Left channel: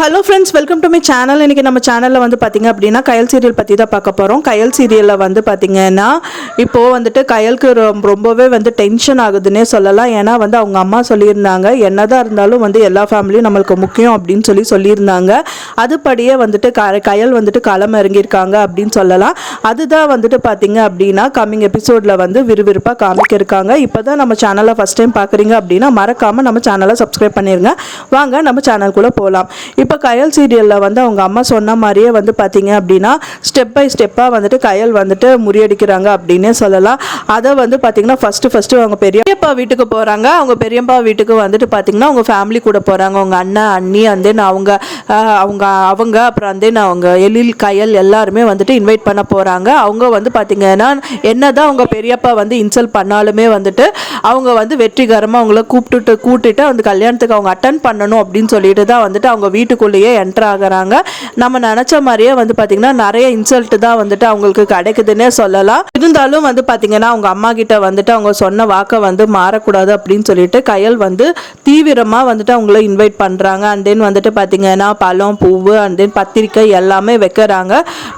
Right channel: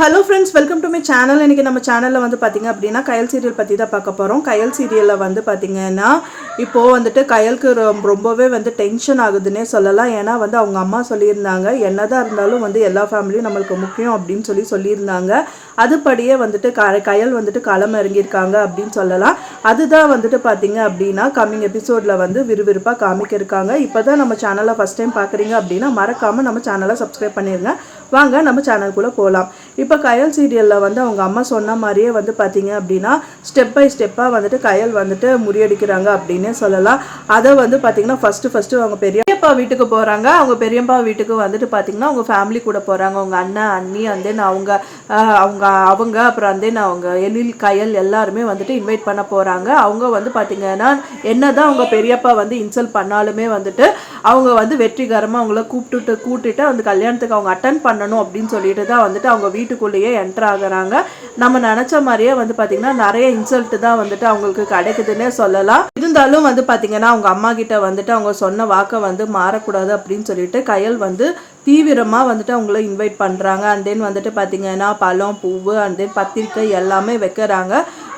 Hello friends, welcome to my channel. இன்றைக்கி நம்ம சேனலில் வந்து பார்த்திங்க அப்படின்னா கயல் சீரியல் பற்றி தான் பார்க்க போகிறோம். கயல் சீரியலில் வந்து பார்த்திங்கன்னா இப்போது வந்துட்டு கயலுக்கு ரொம்பவே வந்து டென்ஷன் ஆகுதுன்னே சொல்லலாம். ஏன்னா வந்து அவங்க அம்மா சொல்லியிருந்தாங்க, என்னதான் இருந்தாலும் வந்து எல்லா ஃபேமிலியும் நம்மளுக்கு முக்கியம் அப்படின்னு சொல்லியிருந்தாங்க. அதுபடியே வந்துட்டு கயல் வந்துட்டு களம் இறங்கியிருக்காங்க அப்படின்னு சொல்லலாம். அதுதான் வந்துட்டு பார்த்திங்க அப்படின்னா கம்மிங் எபிசோடில் வந்து விறுவிறுப்பாக காமிக்கிருக்காங்க. இப்போ தான் நம்ம சேனலை ஃபஸ்ட் டைம் பார்க்குறீங்க அப்படின்னா மறக்காமல் நம்ம சேனலை சப்ஸ்கிரைப் பண்ணிடுங்க. வாங்க நம்ம சேனலுக்குள்ளே போகலாம். இப்போ கயல் சீரியலில் வந்து அவங்க அம்மா சொன்ன மாதிரியே வந்து பார்த்தீங்க அப்படின்னா ஸ்டெப் பை ஸ்டெப்பாக வந்துட்டு கயல் வந்துட்டு முறியடிக்கிறாங்க அப்படின்னே சொல்லலாம். அதை வந்து பார்த்தீங்கன்னா ஃபஸ்ட்டு அவங்க பெரியப்பா வீட்டுக்கு போகிறாங்க. அவங்க பெரியப்பா வீட்டுக்கு வந்துட்டு பார்த்தீங்கன்னா அவங்க ஃபேமிலி கூட போகிறாங்க. அவங்க அண்ணன் அண்ணி அந்தேன் அவங்க அப்புறம் அந்தேன் அவங்க எழில் கயல் எல்லாருமே வந்துட்டு இன்வைட் பண்ண போகிறாங்க. அவங்க வந்து பார்த்தீங்கன்னா என்னதான் அவங்க பெரியப்பா வந்து இன்சல்ட் பண்ணாலுமே வந்துட்டு அவங்க வந்து வெற்றிகரமாக அவங்கள கூப்பிட்டுட்டு அந்த கல்யாணத்துக்கு அவங்க அட்டன் பண்ணணும் அப்படின்னு சொல்லிட்டு தான் வந்துட்டு அவங்க வீட்டுக்குள்ளேயே என்டர் ஆகுறாங்க. நம்ம நினைச்ச மாதிரியே வந்து பாத்தீங்கன்னா நிறைய இன்சல்ட் தான் வந்துட்டு அவங்களுக்கு கிடைக்குதுன்னே சொல்லலாம். இருந்தாலும் வந்து பாத்தீங்கன்னா அவங்க அம்மா கிட்ட வந்துட்டு அவங்க சொன்ன வாக்கை வந்து மாறக்கூடாது அப்படின்னு சொல்லிட்டு கயல் வந்து தீவிரமா வந்துட்டு அவங்கள இன்வைட் பண்றாங்க. அண்ட் தென் வந்துட்டு பாத்தீங்கன்னா பழம் பூவு அண்ட் தென் பத்திரிக்கை எல்லாமே வைக்கிறாங்க.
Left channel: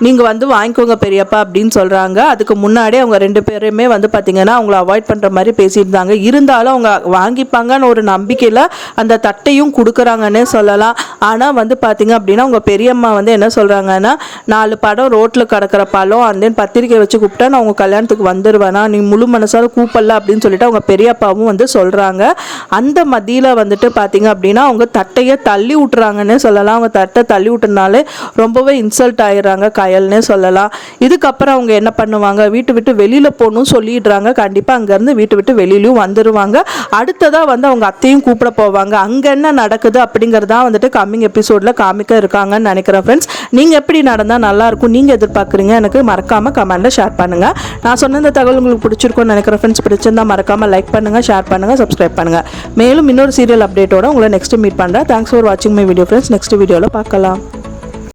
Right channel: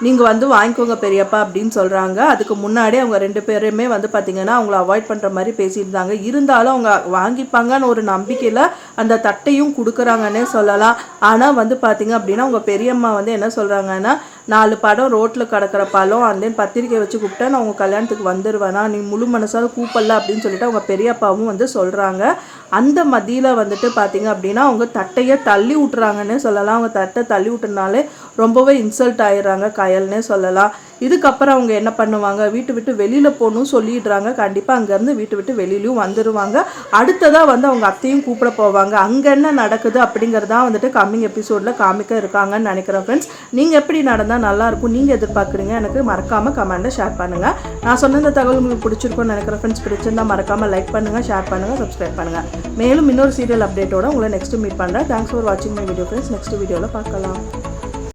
நீங்க வந்து வாங்கிக்கோங்க பெரியப்பா அப்படின்னு சொல்றாங்க. அதுக்கு முன்னாடி அவங்க ரெண்டு பேருமே வந்து பாத்தீங்கன்னா அவங்கள அவாய்ட் பண்ற மாதிரி பேசியிருந்தாங்க. இருந்தாலும் அவங்க வாங்கிப்பாங்கன்னு ஒரு நம்பிக்கையில அந்த தட்டையும் கொடுக்குறாங்கன்னே சொல்லலாம். ஆனால் வந்து பார்த்தீங்க அப்படின்னா உங்கள் பெரியம்மா வந்து என்ன சொல்கிறாங்கன்னா 4 படம் ரோட்டில் கிடக்கிற பழம் அண்ட் தென் பத்திரிக்கை வச்சு கூப்பிட்டா நான் உங்கள் கல்யாணத்துக்கு வந்துடுவேனா, நீ முழு மனசால கூப்பிடல அப்படின்னு சொல்லிட்டு அவங்க பெரியப்பாவும் வந்து சொல்கிறாங்க. அந்த மத்தியில் வந்துட்டு பார்த்தீங்க அப்படின்னா அவங்க தட்டையை தள்ளி விட்டுறாங்கன்னே சொல்லலாம். அவங்க தட்டை தள்ளி விட்டுனாலே ரொம்பவே இன்சல்ட் ஆயிடுறாங்க கயல்னே சொல்லலாம். இதுக்கப்புறம் அவங்க என்ன பண்ணுவாங்க, வீட்டு விட்டு வெளியில் போகணும்னு சொல்லிடுறாங்க. கண்டிப்பாக அங்கேருந்து வீட்டு விட்டு வெளியிலையும் வந்துடுவாங்க. அடுத்ததாக வந்து அவங்க அத்தையும் கூப்பிட போவாங்க. அங்கே என்ன நடக்குது அப்படிங்கிறதா வந்துட்டு கம்மிங் எபிசோட்ல காமிக்க இருக்காங்கன்னு நினைக்கிறேன். ஃப்ரெண்ட்ஸ், நீங்க எப்படி நடந்தா நல்லா இருக்கும் நீங்க எதிர்பார்க்குறீங்க எனக்கு மறக்காம கமெண்ட்ல ஷேர் பண்ணுங்க. நான் சொன்ன இந்த தகவல் உங்களுக்கு பிடிச்சிருக்கும்னு நினைக்கிறேன். ஃப்ரெண்ட்ஸ், பிடிச்சிருந்தா மறக்காம லைக் பண்ணுங்க, ஷேர் பண்ணுங்க, சப்ஸ்கிரைப் பண்ணுங்க. மேலும் இன்னொரு சீரியல் அப்டேட்டோட உங்களை நெக்ஸ்ட் மீட் பண்றேன். தேங்க்ஸ் ஃபார் வாட்சிங் மை வீடியோ ஃப்ரெண்ட்ஸ். நெக்ஸ்ட் வீடியோல பார்க்கலாம்.